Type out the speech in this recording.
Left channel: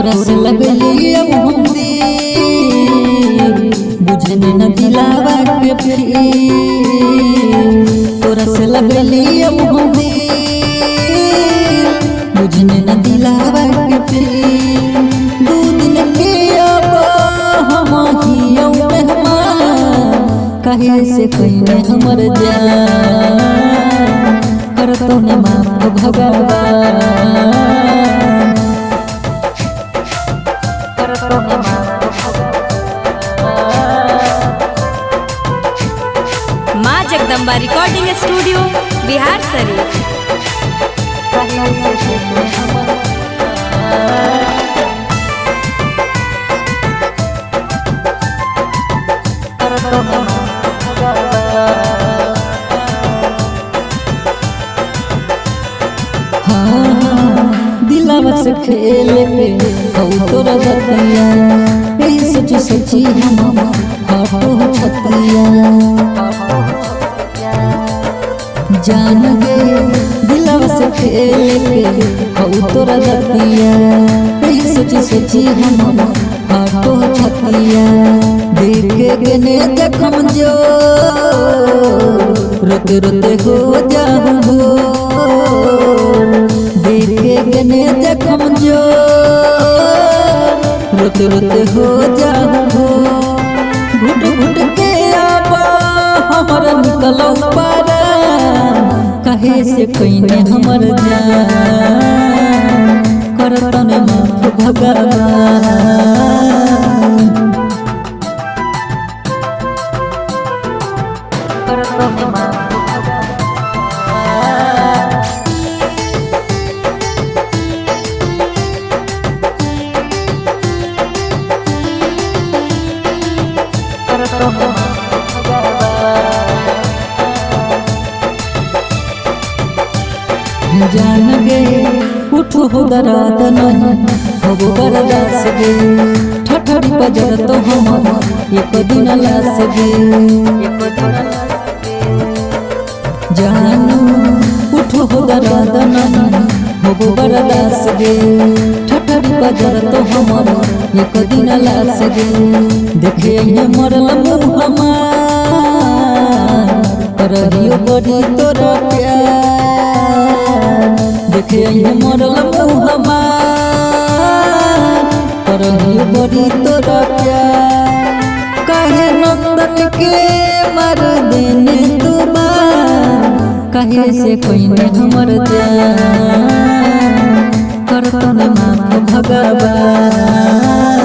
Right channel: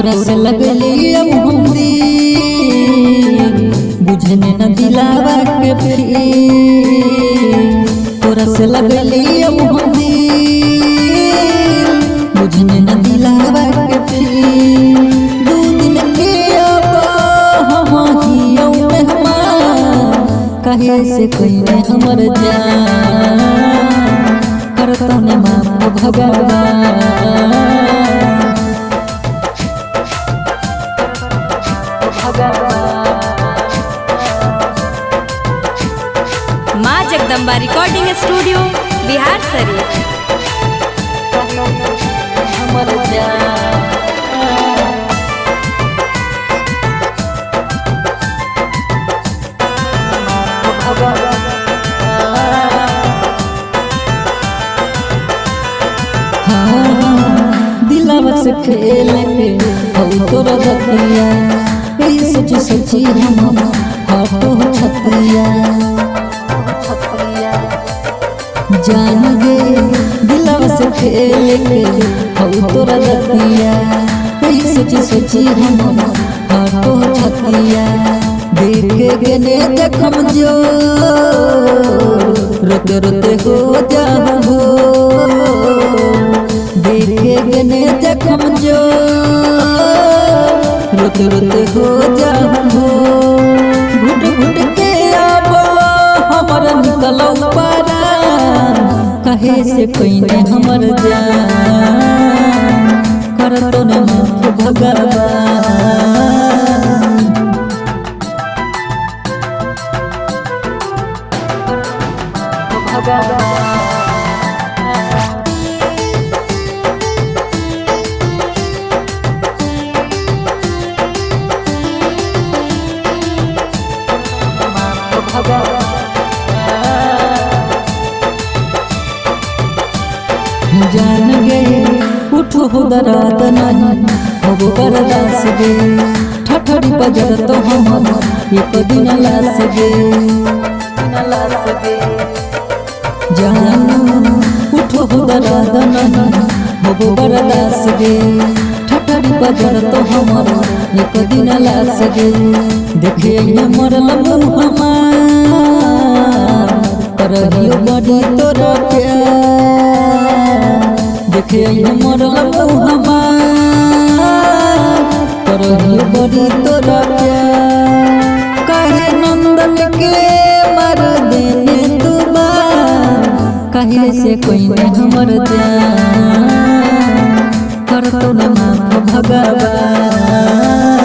तोरा से लगली अब हम दिल बुझने न दिलावा के फिर तोरा से लगली अब हम दिल बुझने न दिलावा के फिर 2 दिन के अब हम हियौ मेहमान कहे से कहीं हमर जान करतो ने माफ भगवान माँ जगदम्बा रिकॉर्डिंग स्टूडियो बिहार शरीफ। दिलावा से खेल के हो तोरा बतिया यही सोची सोची हम हटो छतिया जान गे दिलावा से खेल के हो तोरा बतिया यही सोची सोची हम हटो छतिया देखे गने जखम जो रोते रोते हो जाहू भोर देखे गने जखम जो रोते रोते हो जाहू भोर घुट घुट के आबा हमर निकलौ पारा कहे से कइने हमर जान करतो ने माफ भगवान करतो ने माफ भगवान जान गे उठो हो दराद नहीं हो बर्दाश्त गे ठठरी पजर तो हमर एक दिन लास गे जानू उठो हो दराद नहीं हो बर्दाश्त गे ठठरी पजर तो हमर एक दिन लास गे देखे मरल मुँह हमार करहियो बड़ी तोरा प्यार देखे मरल मुँह हमार करहियो बड़ी तोरा प्यार कहे नंदन के मर देने तू बार कहे से कइने हमर जान करतो ने माफ भगवान।